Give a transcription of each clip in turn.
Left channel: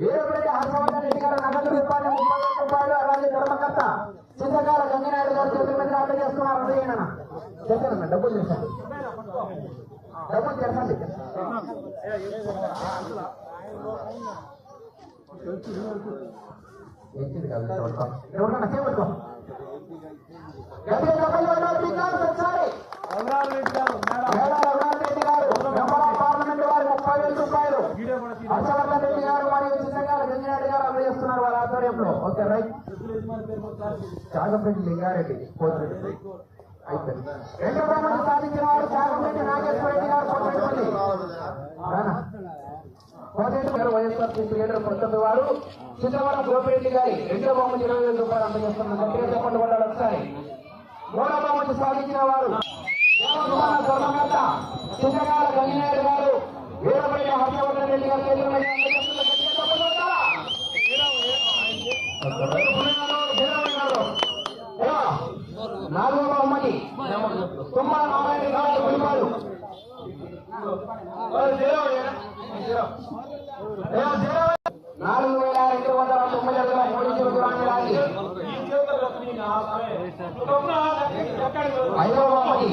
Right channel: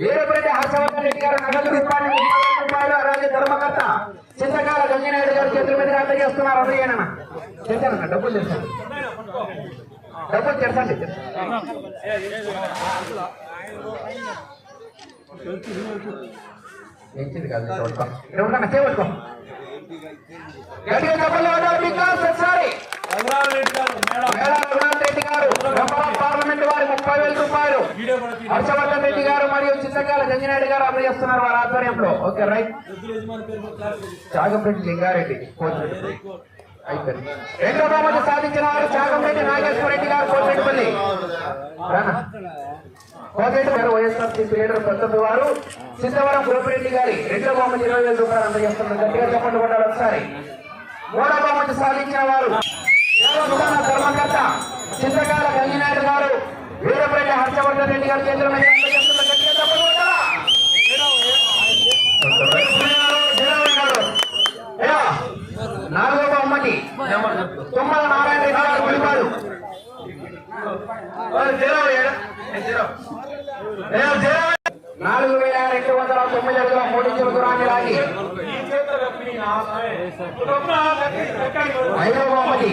వీరపరెడ్డి హర్షవర్ధన్ రెడ్డి గారు నగదు రూపాయలు రూపాయలు అలాగే ధర్మకర్త చింతకాల గంగినాయుడు గారు చేతుల మీదుగా అందజేస్తున్నారు. అందజేయనన్న చేశానన్న డబ్బులు చేశాను. డబ్బులు చేసండి ఏంటిది కాదు ఇక్కడ ఉన్నా గట్టిగా ఒకసారి మేడ రఘునాథ్ రెడ్డి గారు మెంబర్ ఆఫ్ పార్లమెంట్ వారి ముప్పై వేల రూపాయలు హర్షవర్ధన్ రెడ్డి గారు మరియు చింతకాల గంగినాయుడు గారు అందజేస్తున్నారు వారి ఆధ్వర్యంలో. Okay right. చాగంరెడ్డి లింగారెడ్డి అయిపోయింది. రెండో బహుమతి సాధించిన వారు చాగంరెడ్డి నాగేశ్వర రెడ్డి గారు కోతిరెడ్డిపల్లి రానా? కోతిరెడ్డి గారు వైఎస్ఆర్ సిపి లీడర్ పంతొమ్మిది వారు. సిద్ధవరం గోపిరెడ్డి గారి రెండో బహుమతి ఇరవై వేల రూపాయలు అందజేస్తున్నారు గట్టిగా చెప్పండి కొట్టాలి ఒకసారి. మూడో బహుమతి సాధించిన వారు. దేవస్థాన ధర్మకర్త చింతకాల గంగినాయుడు గారు. వీరపల్లి హర్షవర్ధన్ రెడ్డి గారు చేతుల మీద అందజేస్తున్న తుమ్మల నారాయణ రెడ్డి గారు గుడిపాడు. నాలుగు వేల రెండు వందల తొమ్మిది అడుగుల మూడు ఇంచుల దూరాన్ని లాగి ఐదవ బహుమతి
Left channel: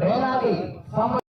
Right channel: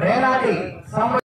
రేనాటి సంవత్సరం